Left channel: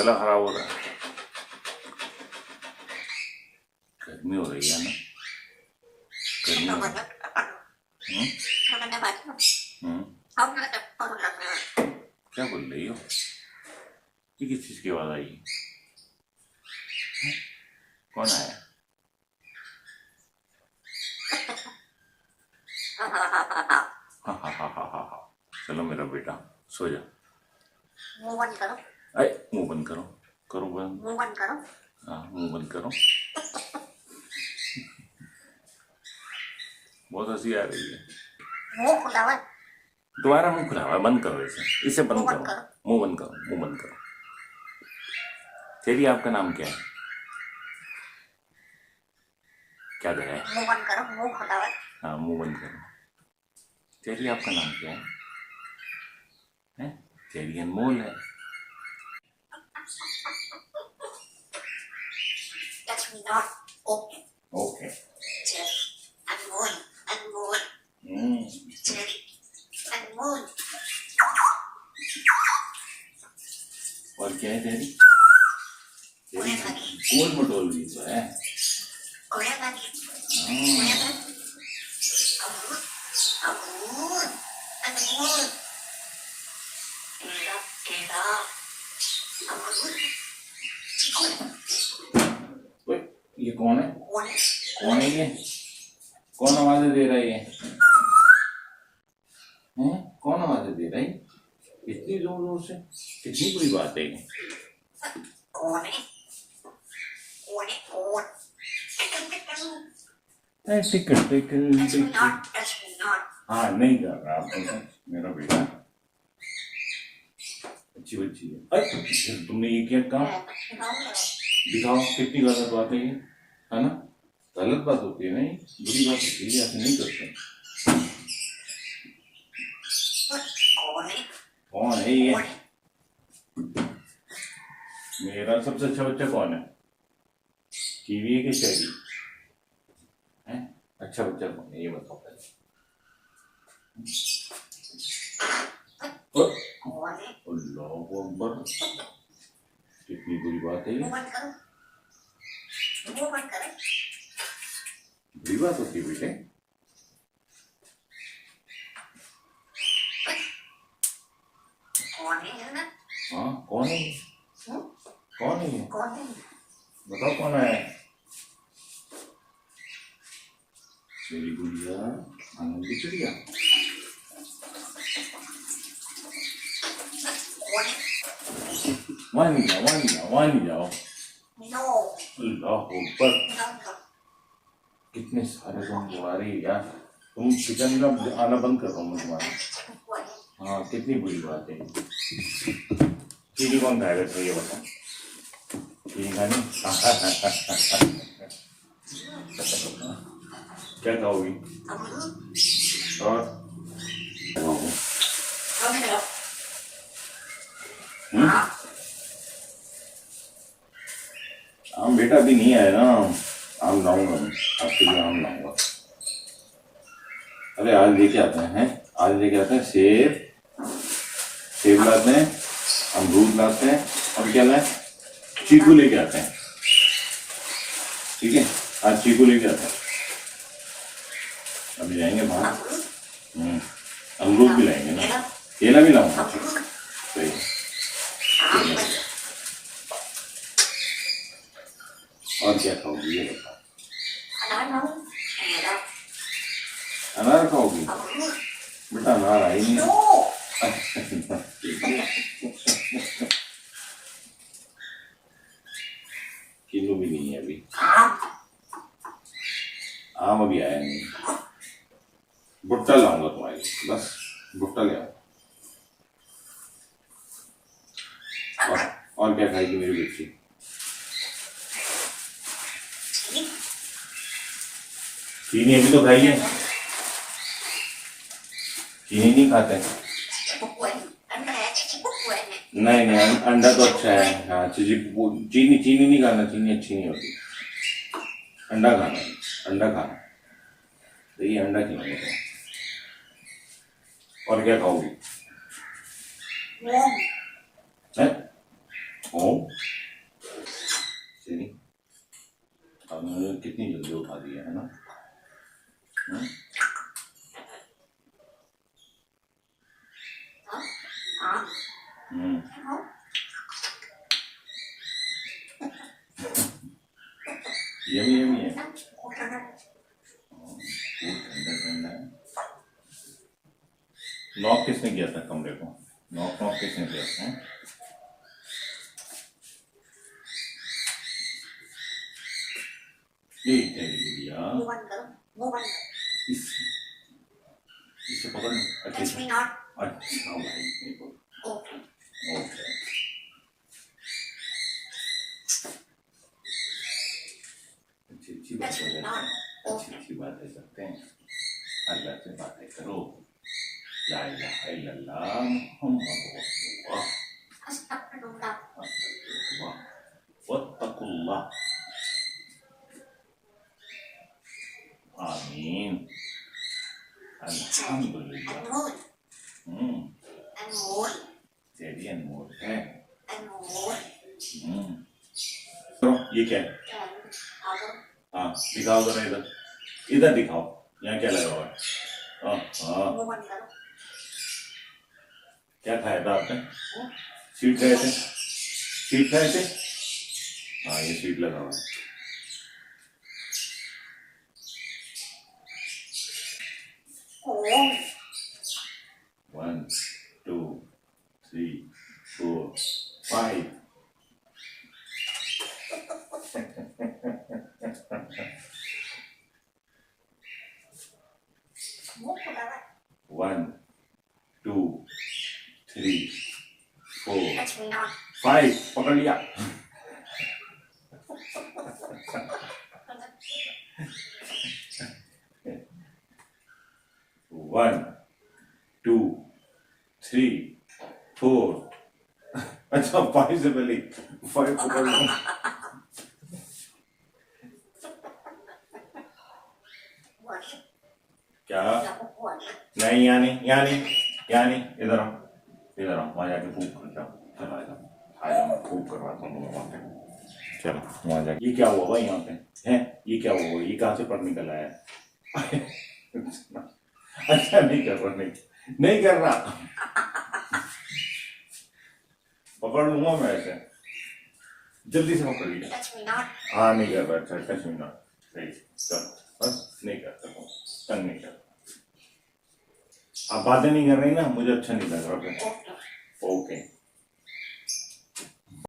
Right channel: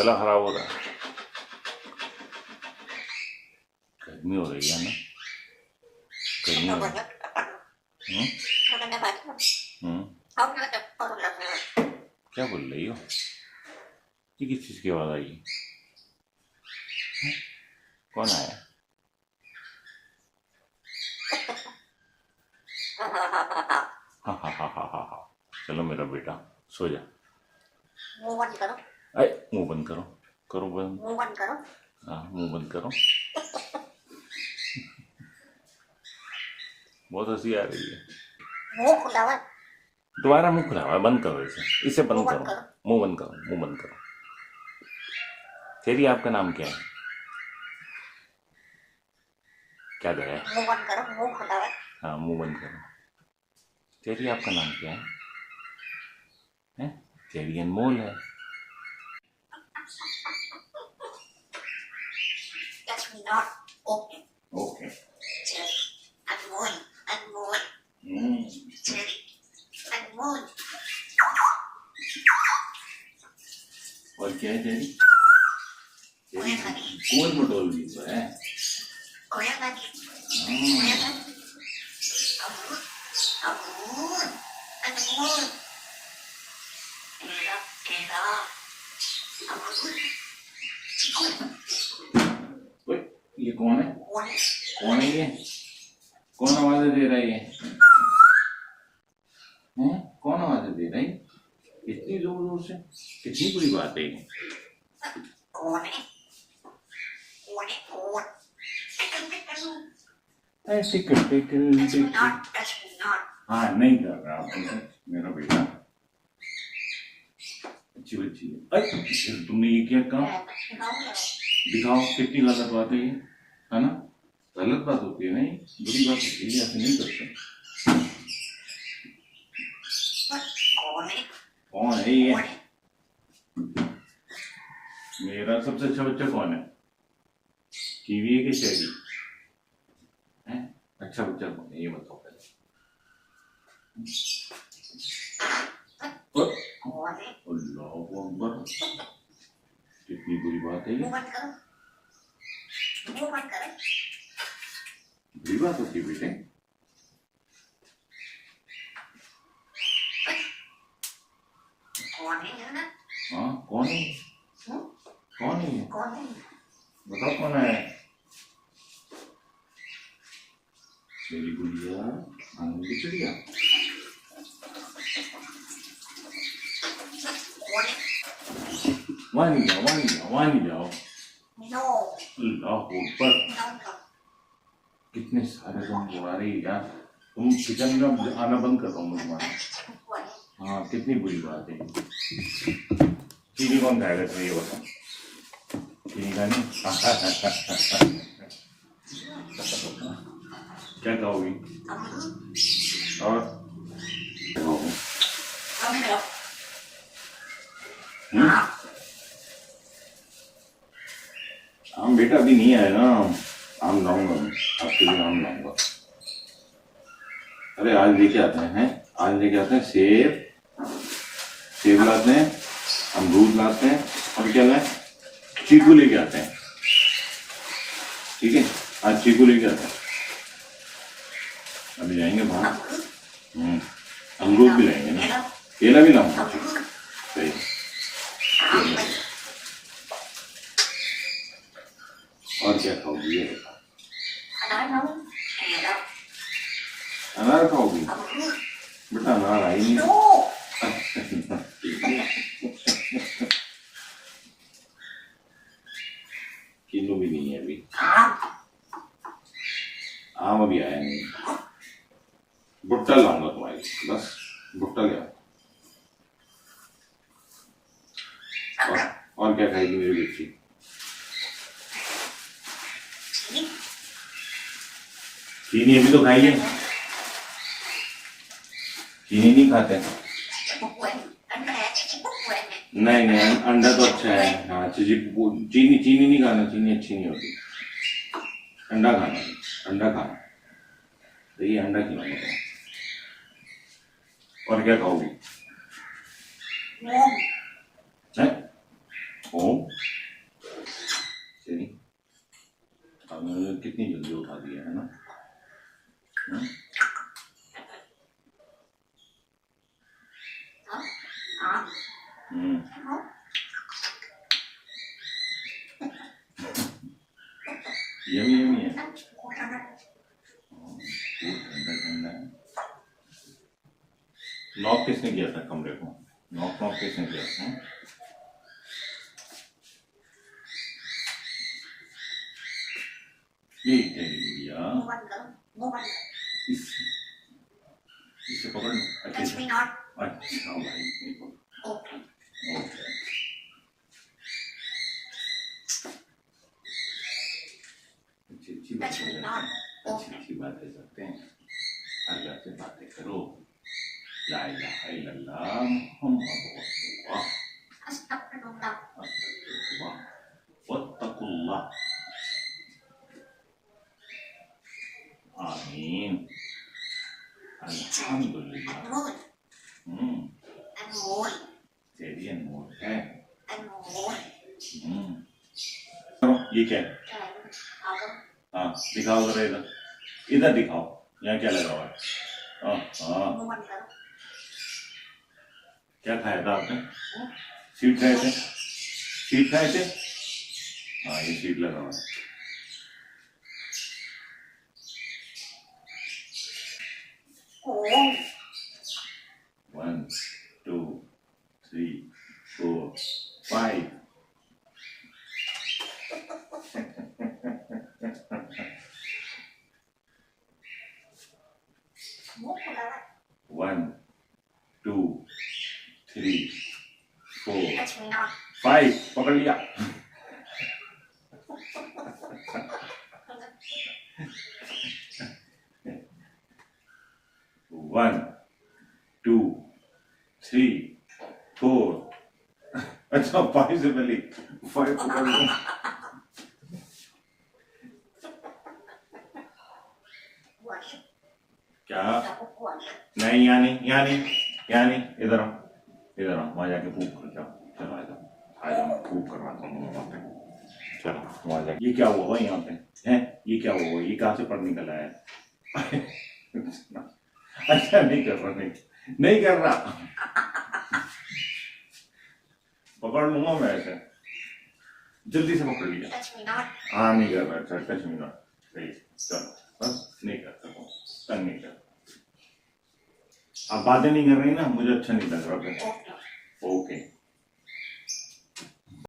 गला खराब हो रहा है, गर्मी हो रही है ना, गर्मी हो रही है। क्या बोल रही हो? ये किस चीज की आवाज आई? कौन आया? हाँ हाँ हाँ हाँ हाँ हाँ, चलो मेरा बेटा सो जा। मुंह बंद करो। अरे मुंह बंद करो, करो बंद। मुंह बंद करो। हाँ मुंह बंद करो। बहुत हंसी आ रही है। मुंह खुला हुआ है। दोबारा मुंह खुला हुआ है, बंद करो इसे, इसे बंद मुंह बंद करो। करो। मुंह बंद करो, मुंह बंद करो। तेरी आपका नाम क्या है? क्या गया है? मुंह बंद करो, मुंह खुला हुआ है। हाँ मुंह बंद करो। तेरी आपका नाम क्या है? हैं? तेरी अनमोल है। That's not okay. Okay. Jerry, Anmol, Anmol, Jerry, अनमोल। और क्या है तेरी? तेरी गोल मटोल भी है। कोया लगी, कोया लगी। अमूल, अमूल, अनमोल। तेरा, तेरा, अमूल। ये कौन है? कौन है? कौन है ये? कौन आवाजें दे रहा है ये? हैं? कौन आवाजें दे रहा है? इतनी जोर जोर से? कितनी बुरी बात है ये? कौन है? कौन है? कौन? Ticket Touch me not, touch me not. हाँ नहीं कर रहा आप मेरा बेटा, अच्छी बच्ची है। अरे तुमने ये क्या कहा? दिखाओ कितनी गलत बात है ये, है ना? गलत बात होती है, नहीं बुरी बात होती है, ऐसे नहीं करते। कौन है? कौन है ये? मेरा सबसे अच्छा बच्चा कौन है? कीवी है कि चेरी है? अच्छा बच्चा कौन है ये बताओ पहले। कौन है? अल्लाह अकबर, कितनी बुरी बात है ये। मुंह बंद करो, मुंह बंद करो। बुरी बात होती है बेटे। कौन है ना? हाँ कौन है? कौन है? कौन है? बताओ कौन है? मेरी गुड़िया आनंद की चिड़िया। कौन है? मान जाओ मान जाओ मान जाओ। नो, अल्लाह अकबर, नो, कितने सारे तुम बुआरे यार। तुम किचन में आना बंद कर रहा हूँ तुम्हारा। हाँ कितनी बुरी बात है। चीनी कौन खाएगा तो ये बताओ? चीनी खानी? क्या खाओगी? और आम बेटा अभी नहीं आया ना, आम लाऊंगा मैं आपके लिए, आम लाऊंगा। अरे आज लेके आते हैं, आज लेके आते हैं सेब, सेब लाते हैं, अमरूद लाते हैं, और क्या लाए? चीकू लेके आते हैं। ठीक है, आज चीकू लेके आते हैं। अभी जाएंगे बाहर। अमरूद भी लाएंगे ना, केला भी लाऊंगा। सही, और क्या खाओगी ये बताओ? अनार खाओगी बेटा? अनार आई नहीं। किलो भी नहीं है अभी, आम अभी आया नहीं। भुट्टा लाऊंगा तुम्हारे लिए, बस भुट्टा ले आओ। और क्या खाएगी मेरी बच्ची? चीनी अभी तो खाई है, चीनी नहीं खाते। नहीं नहीं, अंडा तो अच्छा है। हाँ चीनी चीनी नहीं खाना, चीनी अच्छी नहीं होती। अंडा खाना, अंडा खाना। तो ये अंडा खिलाऊंगा तो। और क्या खाओगी? ओम। No. यमी यमी है। Hold on. फूड ठंडा ठंडा है। नॉक किसने किया था कमरे को? नॉक नॉक किसने किया था? ये दिया। Move on, girl. Move on. इससे पकड़ लो अच्छे Touch से। me not. अच्छा भाई देखो। Okay. ओके अच्छी अच्छी बातें करते हैं, अच्छी अच्छी बातें करते हैं। अल्लाह से बातें करो। ला इलाहा इल्लल्लाह मुहम्मद रसूलुल्लाह Astagfirullah. अस्तगफिरुल्लाह वत्तकुल्लाह आमीन अल्हम्दुलिल्लाह। Anh ngồi. Anh ngồi. तेरी अनमोल है। Anh ngồi. तो ये क्या है? हाँ दिखाओ जरा इधर, इधर दिखाओ यहाँ क्या लगा हुआ है? हाँ Move on, girl. क्या खाया था आपने? स्वीट खाए थे? स्वीट खाए थे? हाँ ये स्वीट लगा हुआ है। Oh. 1 2 3 4 5 Move on, girl. 1 2 3 4 Touch me not. 5 पकड़ लिया। वन टू थ्री फोर अच्छा 5 से पहले 5 पकड़ लो। What? क्या? What? नहीं यहाँ नहीं यहाँ नहीं यहाँ नहीं, इधर आओ इधर आओ, वहाँ जाके फूक कर जाओ। चलो आ जाओ मैं फूक करवाता हूँ वहाँ पे। चलो वहाँ जाके। ये क्या हुआ भाई यहाँ पे? है ये क्या हुआ? ये कहाँ से पढ़ निकल आया? अच्छा नहीं कर रहा, नहीं कर रहा। पकड़ लूंगा मैं ऐसे, जल्दी से पकड़ लिया। Touch me not. हाँ नहीं कर रहा। अच्छा टच मी नॉट, चलो बस नहीं करता हूँ, तंग नहीं करता। आप बातें नहीं कर रही ना, मुझे अच्छा नहीं लग रहा। Okay.